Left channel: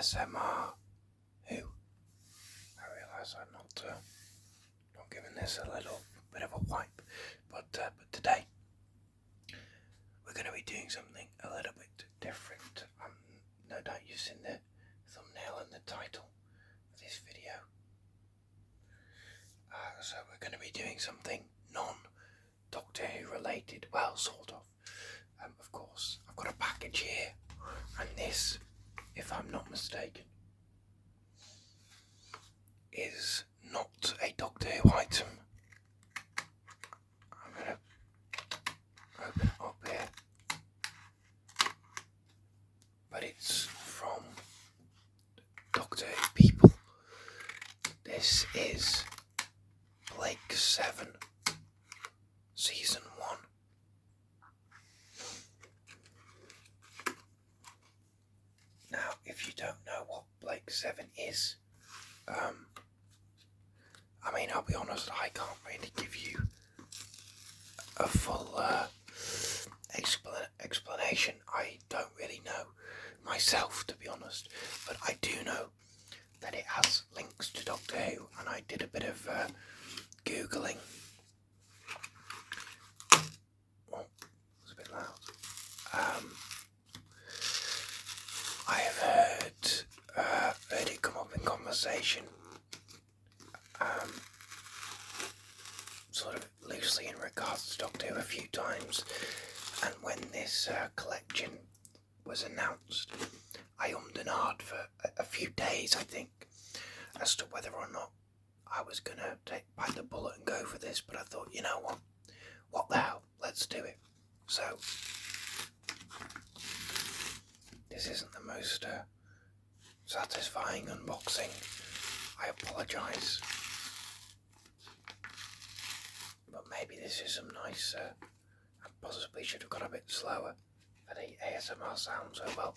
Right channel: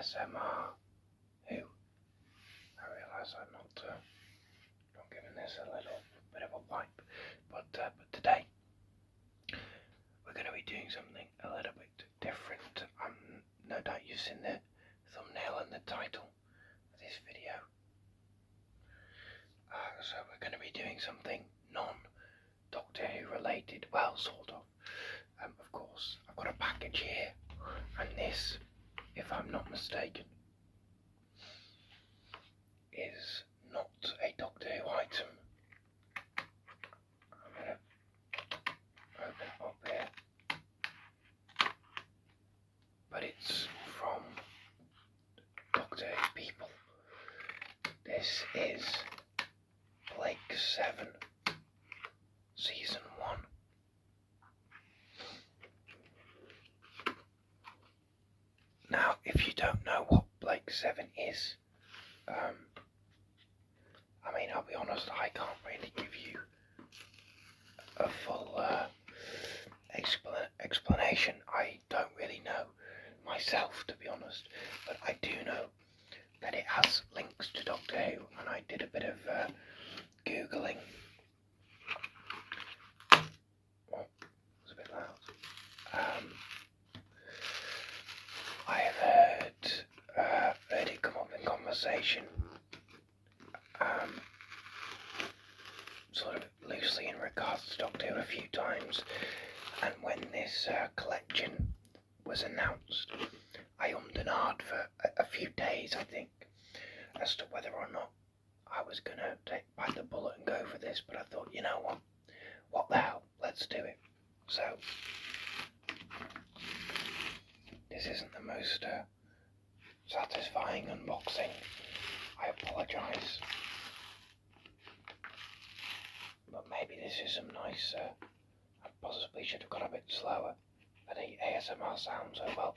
ASMR Who. I realise I'm not giving this a little bit of a wipe, but today we're going to be doing something a little bit different. No doubt you've seen the thumbnail and the title of this video. So we're going to be doing something non-Doctor Who related, well, sort of. Of course, I've got a package here, and this, if I'm not mistaken, is not a Doctor Who item. I'm going to open it up here, but it's from Doctor Who people. This is Blake 7, Season 1. Now, if you don't know what Blake 7 is, I'll be honest, I can't really give you a full explanation. I don't really know myself, to be honest, but I do know that it has links to Doctor Who, and I did a bit of Googling. Oh, it's a bit loud. I have heard it come up in conversation, sort of loosely in regards to Doctor Who a few times, and when this collection was announced, I ummed and ahed for a few days, I think, as to whether or not I was going to bite the bullet and go for this, but I thought, you know what the hell, let's do it. So, this isn't the most satisfying unboxing. I apologise. But maybe this is some nice, I possibly should have gone a bit slower for the ASMR sound so well.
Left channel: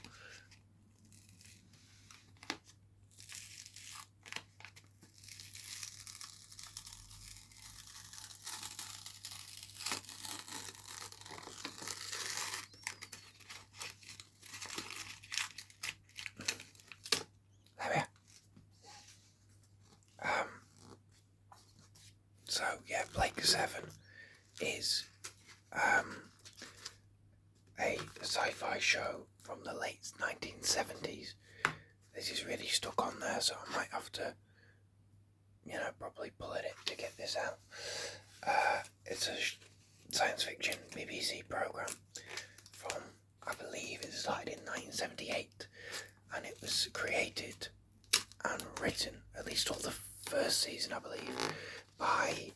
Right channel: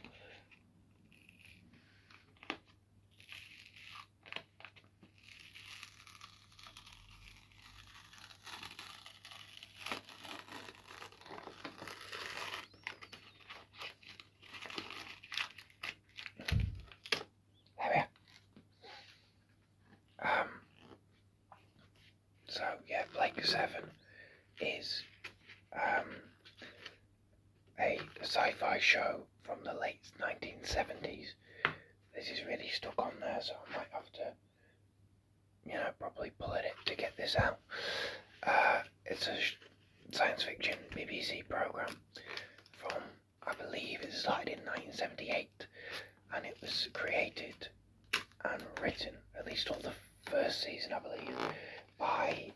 There we are. So yeah, Blake 7 is a sci-fi show from the late 1970s. This is really stuck on there, so I might have to, probably pull it to get this out. It's a science fiction BBC programme from, I believe it started in 1978, and it was created and written, at least all the first season I believe, by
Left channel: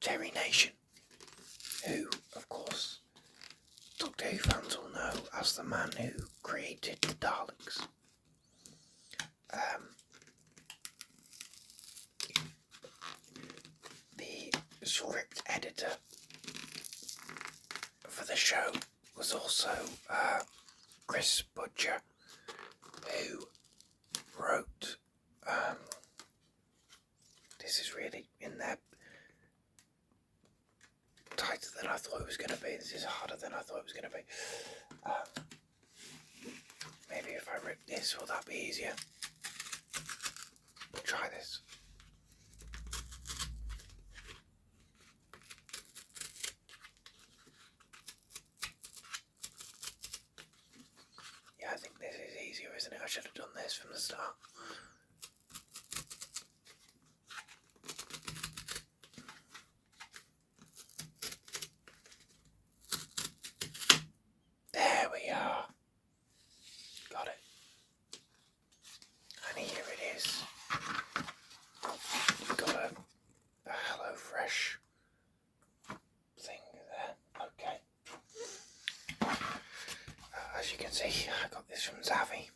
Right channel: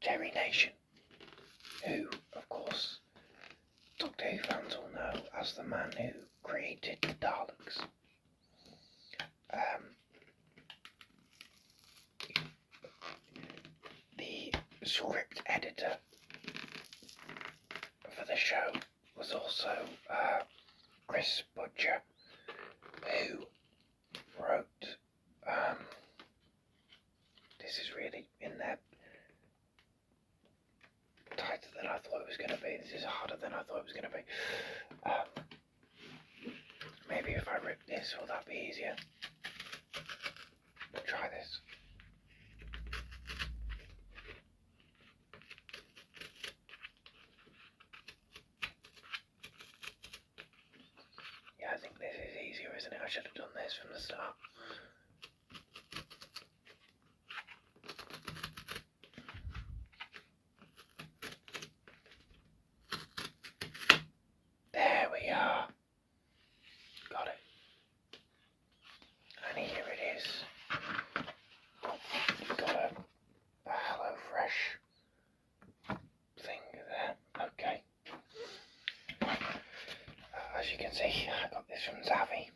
Terry Nation, who, of course, Doctor Who fans will know as the man who created the Daleks. The script editor for the show was also Chris Budger, who wrote, this is really in there tighter than I thought it was going to be. This is harder than I thought it was going to be. Maybe if I rip this, will that be easier? We'll try this. Yeah, I think this is easier, isn't it? I should have done this from the start. There we are. Got it. And here it is. Oh, we've got a HelloFresh thing there. Okay. As you can see, I got this from Zavvi,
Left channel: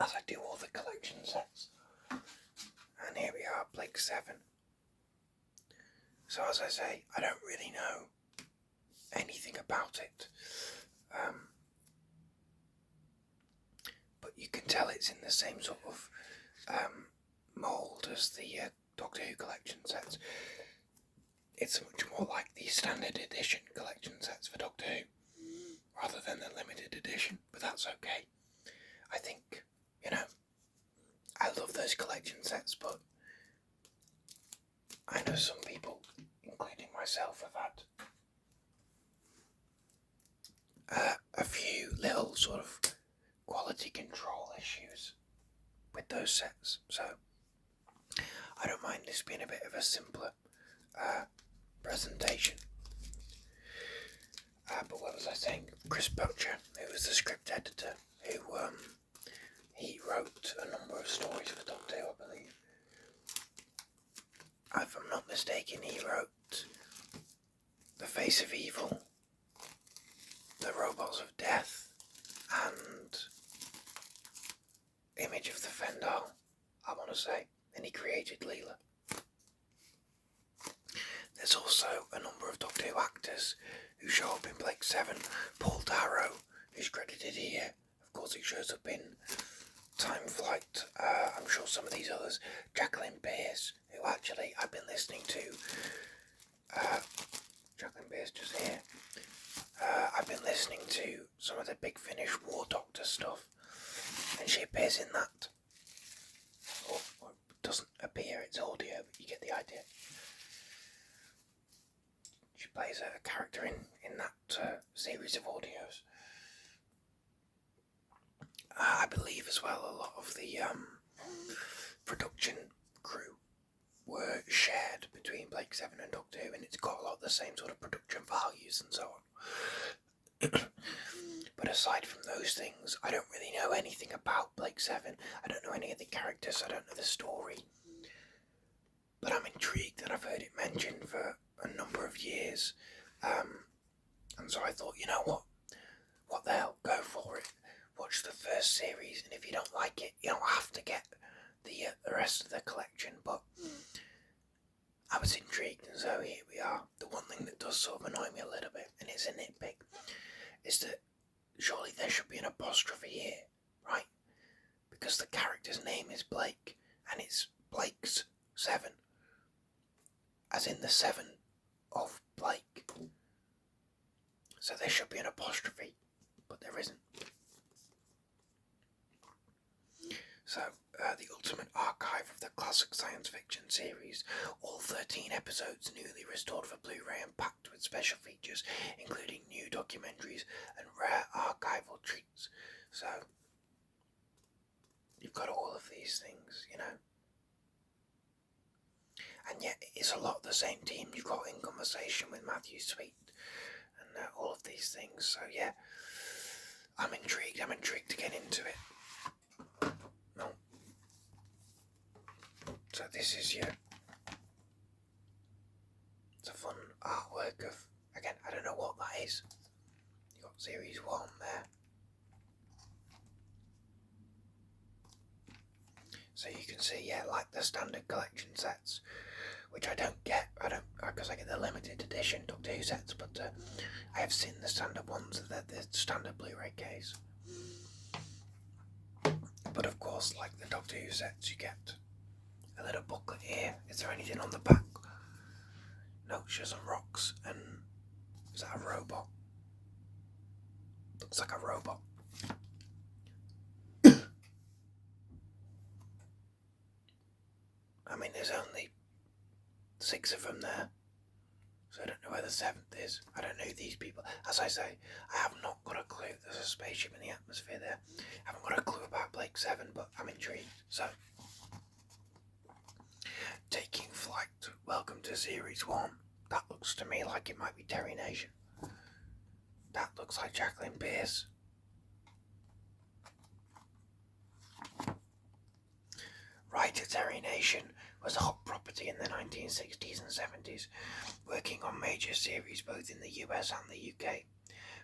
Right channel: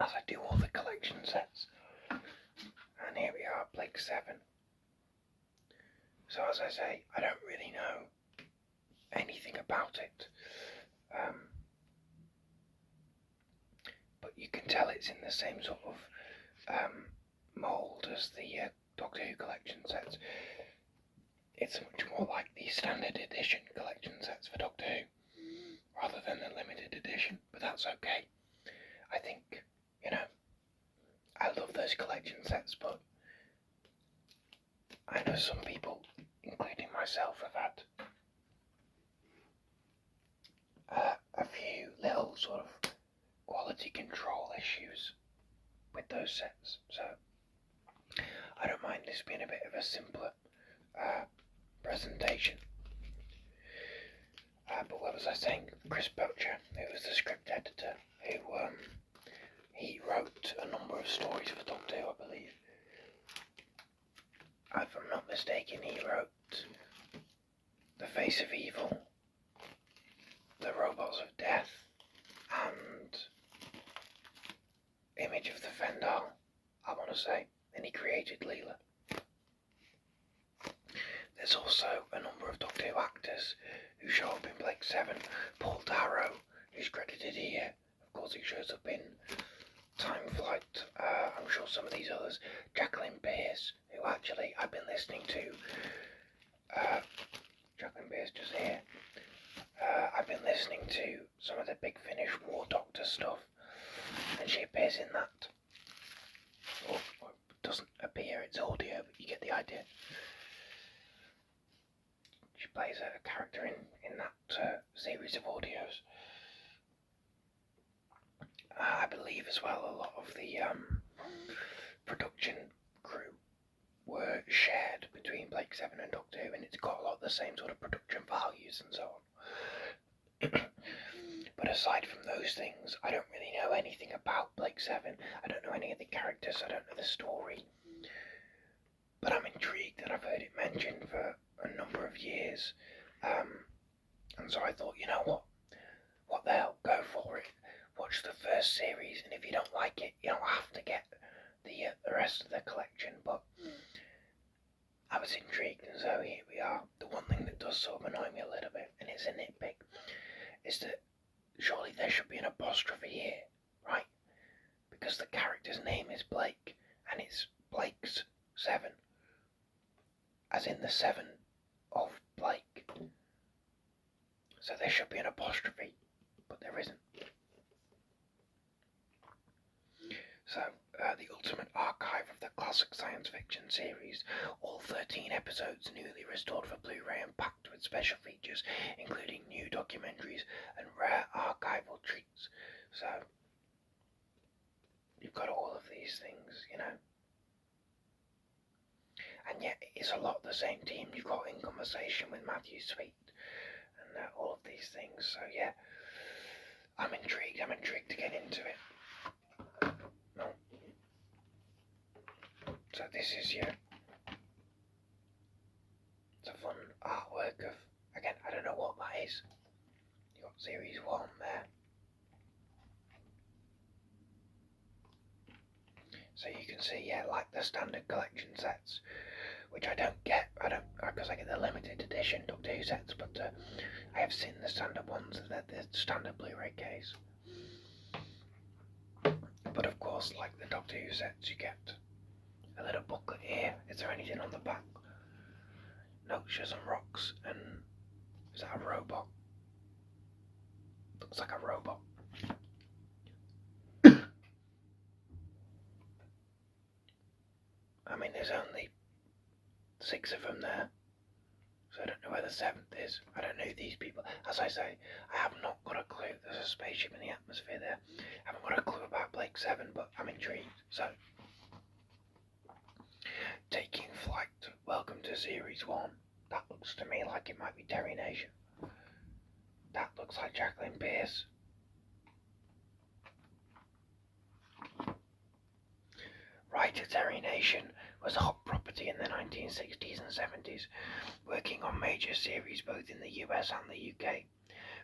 as I do all the collection sets. And here we are, Blake 7. So as I say, I don't really know anything about it, but you can tell it's in the same sort of mould as the Doctor Who collection sets. It's much more like the standard edition collection sets for Doctor Who, rather than the limited edition, but that's okay. I think, I love those collection sets, but I know some people, including myself, have had a few little sort of quality control issues with those sets, so I don't mind this being a bit of a simpler presentation. But what was I saying? Chris Boucher, who was the script editor, who he wrote a number of stories for Doctor Who, I believe. If I'm not mistaken, he wrote The Face of Evil, The Robots of Death, and Image of the Fendal, I want to say, and he created Leela. There's also a number of Doctor Who actors who show up in Blake 7. Paul Darrow, who's credited here. Of course, he shows up in Time Flight. I'm sure some of these others. Jacqueline Pearce, who actually I've been listening to. Jacqueline Pearce just here. I've been listening to some of the Big Finish War Doctor stuff, and she appears in that. Or it doesn't appear, it's audio, but you get the idea. She plays a character in that series of audios. I believe as well a lot of the production crew were shared between Blake 7 and Doctor Who, and it's got a lot of the same sort of production values and so on. But aside from those things, I don't really know anything about Blake 7. I don't know any of the characters, I don't know the story. But I'm intrigued, and I've heard it mentioned for a number of years. And so I thought, you know what the hell, go for it. Watch the first series, and if you don't like it, you don't have to get the rest of the collection. But I was intrigued, and so here we are. The one thing that does sort of annoy me a little bit, and it's a nitpick, is that surely there should be an apostrophe here, right? Because the character's name is Blake, and it's Blake's 7. As in the 7 of Blake. So there should be an apostrophe, but there isn't. So, the Ultimate Archive of the Classic Science Fiction series, all 13 episodes newly restored for Blu-ray and packed with special features, including new documentaries and rare archival treats. So, you've got all of these things, And yet, it's a lot of the same team you've got in Conversation with Matthew Sweet, and all of these things. So, yeah, I'm intrigued to get into it. No. So this is it's a fun artwork of, again, I don't know what that is. You got series 1 there. So you can see, like the standard collection sets, which I don't get, because I get the limited edition Doctor Who sets, but I have seen the standard ones, the standard Blu-ray case. But of course, like the Doctor Who sets, you get a little booklet here. Is there anything on the back? Notes and rocks, and is that a robot? Looks like a robot. I mean, there's only 6 of them there, so I don't know where the 7th is. I don't know who these people. As I say, I have not got a clue. There's a spaceship in the atmosphere there. I haven't got a clue about Blake 7, but I'm intrigued. So, Taking Flight. Welcome to Series 1. That looks to me like it might be Terry Nation. That looks like Jacqueline Pearce. Writer Terry Nation was a hot property in the 1960s and 70s, working on major series both in the US and the UK.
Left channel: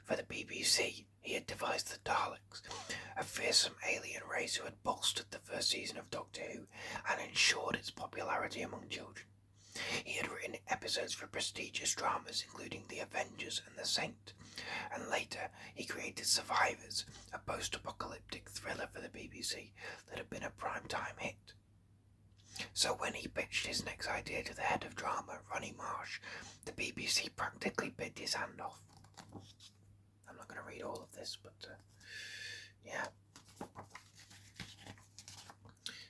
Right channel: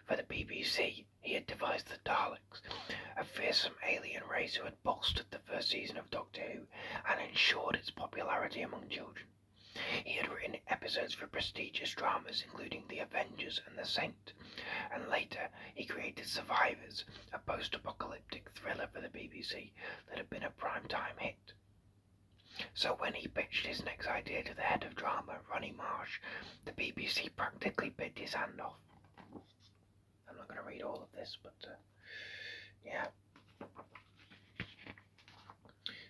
For the BBC, he had devised the Daleks, a fearsome alien race who had bolstered the first season of Doctor Who and ensured its popularity among children. He had written episodes for prestigious dramas including The Avengers and The Saint, and later he created Survivors, a post-apocalyptic thriller for the BBC that had been a prime-time hit. So when he pitched his next idea to the head of drama, Ronnie Marsh, the BBC practically bit his hand off. I'm not going to read all of this, but yeah.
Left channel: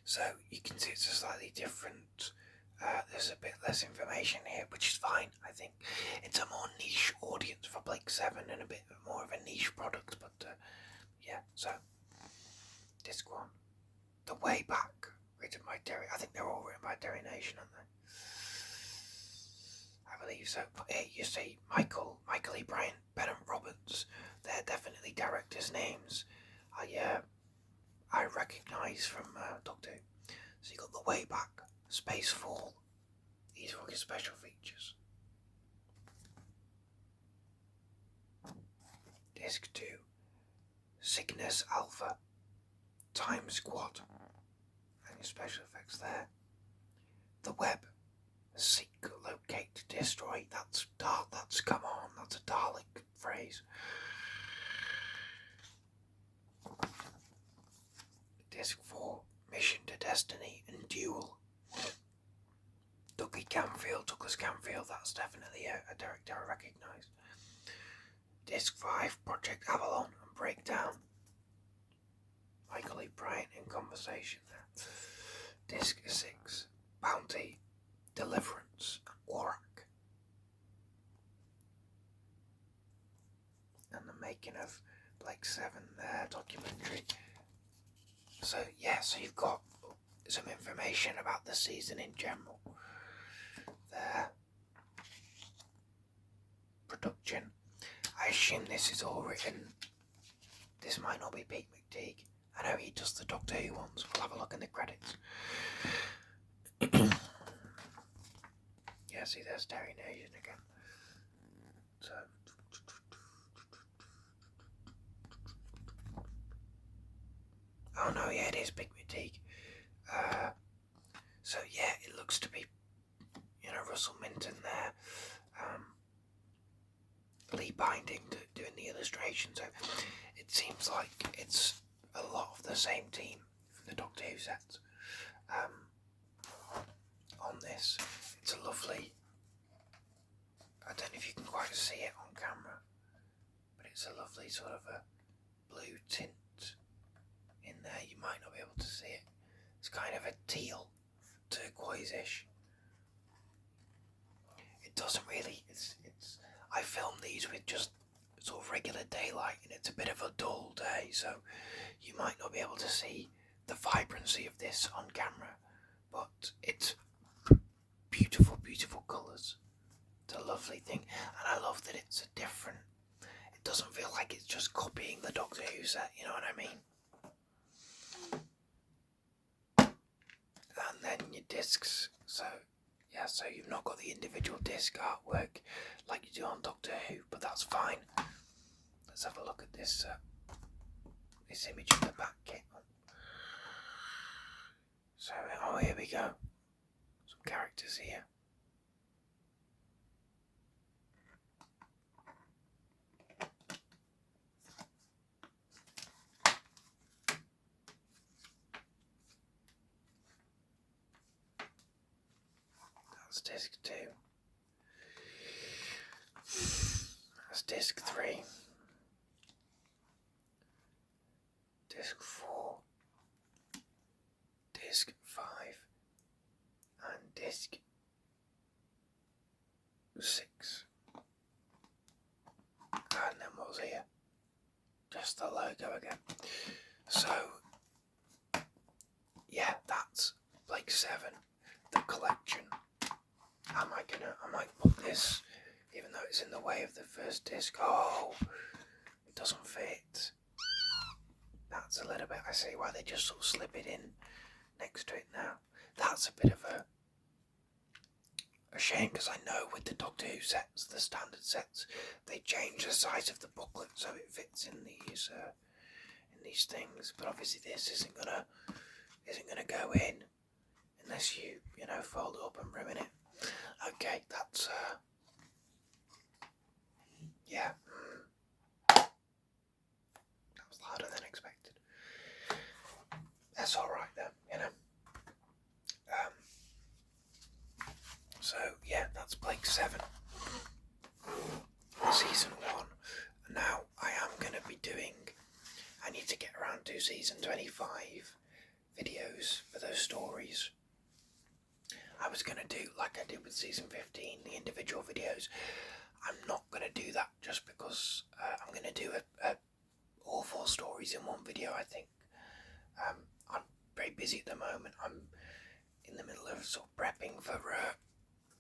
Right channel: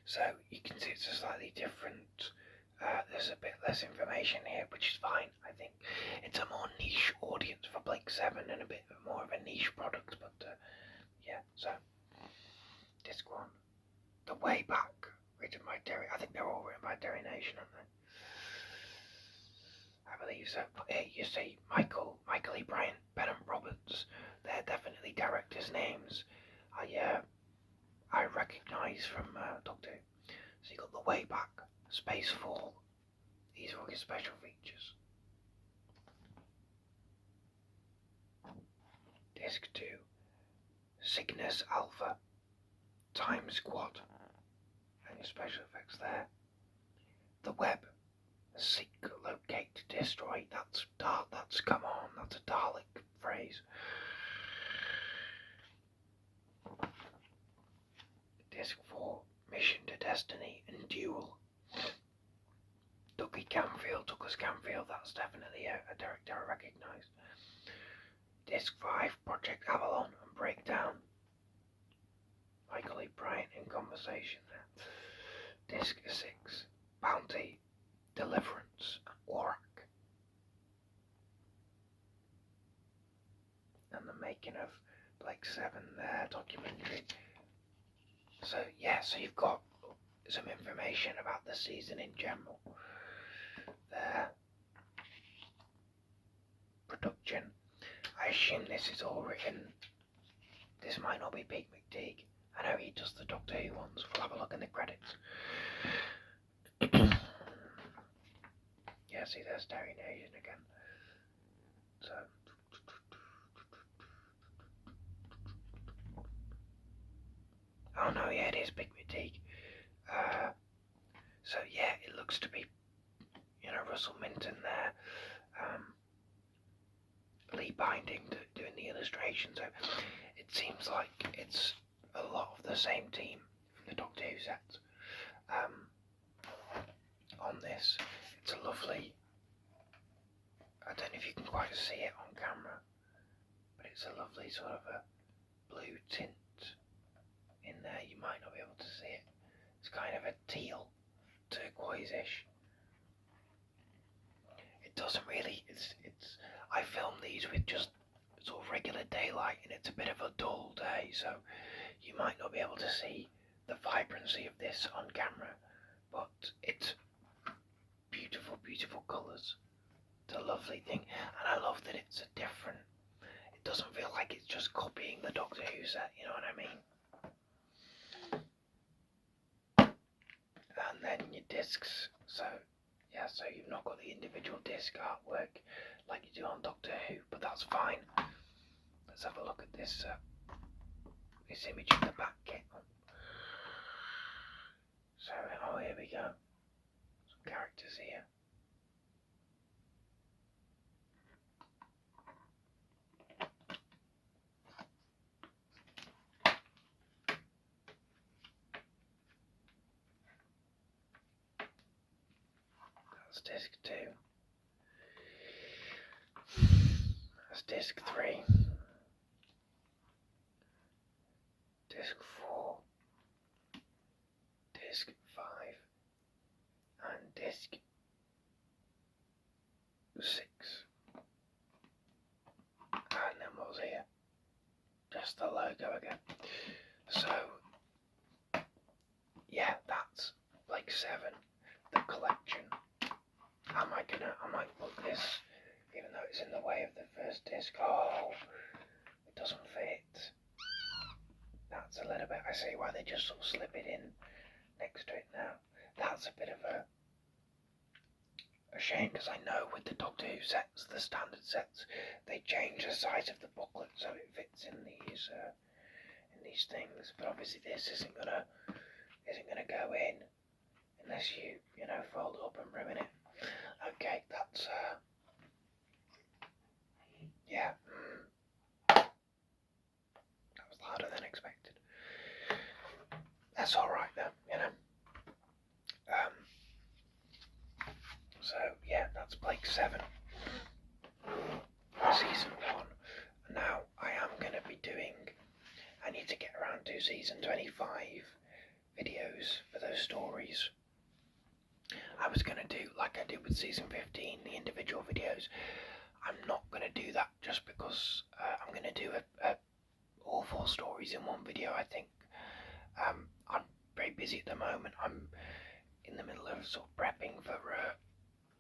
So you can see it's a slightly different. There's a bit less information here, which is fine. I think it's a more niche audience for Blake 7 and a bit more of a niche product, but yeah. So disc 1, The Way Back, written by Derry. I think they're all written by Derry Nation, aren't they? I believe so. But here you see Michael E. Bryant, Bennett Roberts. They're definitely directors' names. I recognise from Doctor Who. So you got The Way Back, Spacefall. These are all your special features. Disc 2, Cygnus Alpha, Time Squad, and your special effects there. The Web, Seek, Locate, Destroy. That's come on. That's a Dalek phrase. Disc 4, Mission to Destiny and Duel. Douglas Camfield, that's definitely a director I recognise. Disc 5, Project Avalon and Breakdown. Michael E. Bryant in conversation there. Disc 6, Bounty, Deliverance and Aurak. And the making of Blake 7 there, documentary. So yeah, so you've got some information about the season in general there. Production. I assume this is all written. This might not be Pete McTeague. I know he does the Doctor Who ones. We'll have a look in the credits. Yeah, see, there's Derry Nation again. So. Oh no, yeah, it is Big McTeague. So yeah, it looks to be, Russell Minton there. Lee Binding doing the illustration. So it seems like it's a lot of the same team from the Doctor Who sets. On this, it's a lovely. I don't know if you can quite see it on camera, but it's a lovely sort of a blue tint in there. You might not be able to see it. It's kind of a teal, turquoise-ish. It doesn't really. It's. I filmed these with just sort of regular daylight, and it's a bit of a dull day, so you might not be able to see the vibrancy of this on camera. But it's beautiful, beautiful colours. It's a lovely thing, and I love that it's a different. It doesn't feel like it's just copying the Doctor Who set. You know what I mean? And then your discs. So yeah, so you've not got the individual disc artwork like you do on Doctor Who, but that's fine. Let's have a look at this this image of the back kit. So, here we go. Some characters here. That's disc 2. That's disc 3. Disc 4. Disc 5. And disc 6. And then what's here? Just the logo again. So, yeah, that's Blake 7, the collection. I might put this, even though it's in the way of the first disc. Oh, it doesn't fit. That's a little bit, I see why they just sort of slip it in next to it now. That's a bit of a shame, because I know with the Doctor Who sets, the standard sets, they change the size of the booklet so it fits in these things. But obviously this isn't gonna go in unless you fold it up and ruin it. Okay, that's yeah. That was harder than expected. That's alright then, So yeah, that's Blake 7. Season 1. Now I am like I did with season 15, the individual videos. I'm not going to do that just because I'm going to do all 4 stories in one video, I think. I'm very busy at the moment. I'm in the middle of sort of prepping for,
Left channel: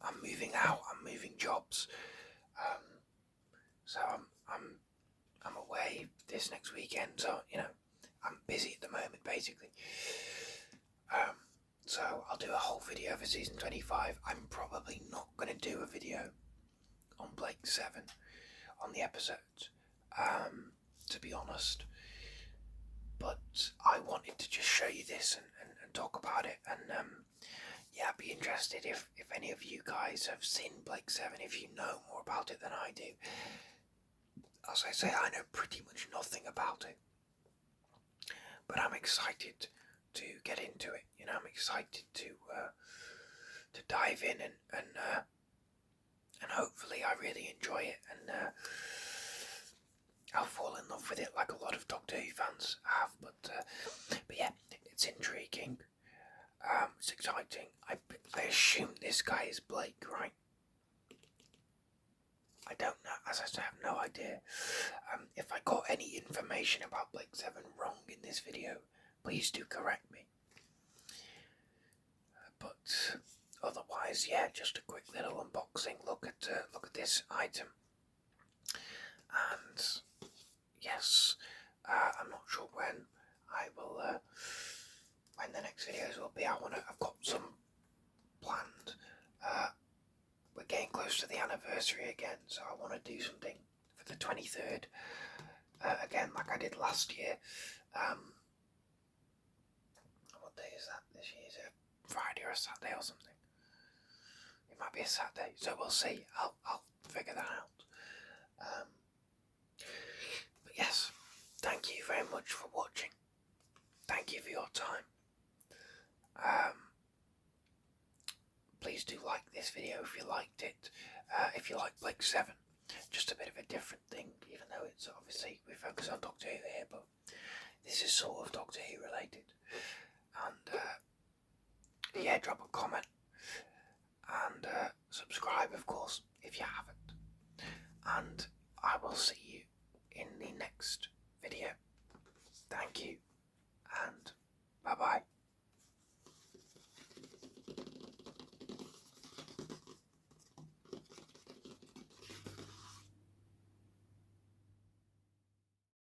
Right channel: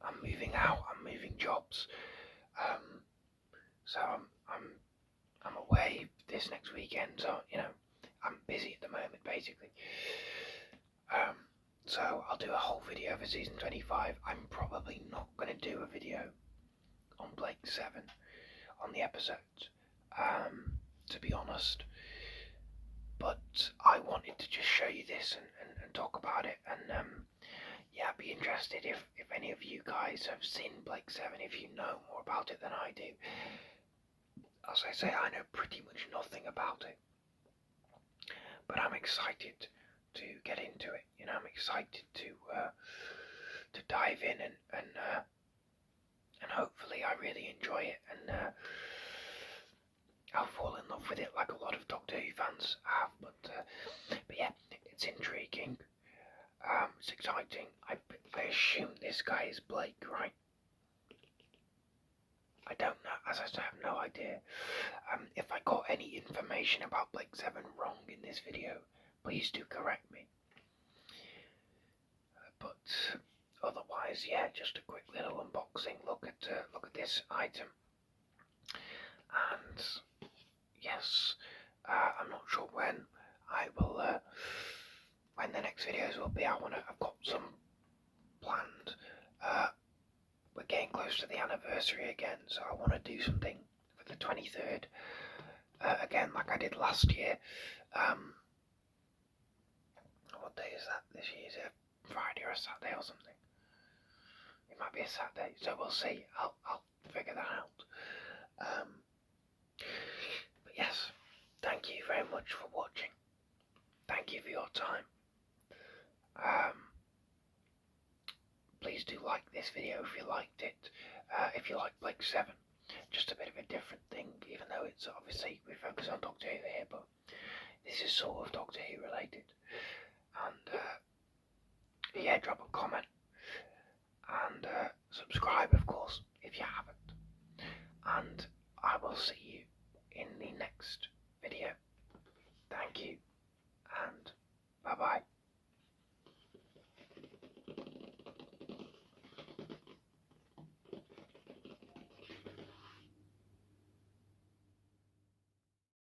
I'm moving out, I'm moving jobs. So I'm away this next weekend, so, I'm busy at the moment, basically. So I'll do a whole video for season 25. I'm probably not going to do a video on Blake 7 on the episodes, to be honest. But I wanted to just show you this and talk about it, and I'd be interested if any of you guys have seen Blake 7, if you know more about it than I do. As I say, I know pretty much nothing about it, but I'm excited to get into it. I'm excited to dive in and hopefully I really enjoy it, and I'll fall in love with it like a lot of Doctor Who fans have. But yeah, it's intriguing. It's exciting. I assume this guy is Blake, right? I don't know, as I said, I have no idea. If I got any information about Blake 7 wrong in this video, please do correct me. But otherwise, yeah, just a quick little unboxing. Look at this item. And yes, I'm not sure when I will. When the next videos will be. I've got some planned. We're getting close to the anniversary again, so I want to do something for the 23rd. Again, like I did last year. What day is that this year? Is it a Friday or a Saturday or something? It might be a Saturday, so we'll see. I'll figure that out. But yes, thank you very much for watching. Thank you for your time. Please do like this video if you liked it. If you like Blake 7, just a bit of a different thing, even though it's obviously we focus on Doctor Who here, but this is sort of Doctor Who related. And yeah, drop a comment and subscribe, of course, if you haven't. And I will see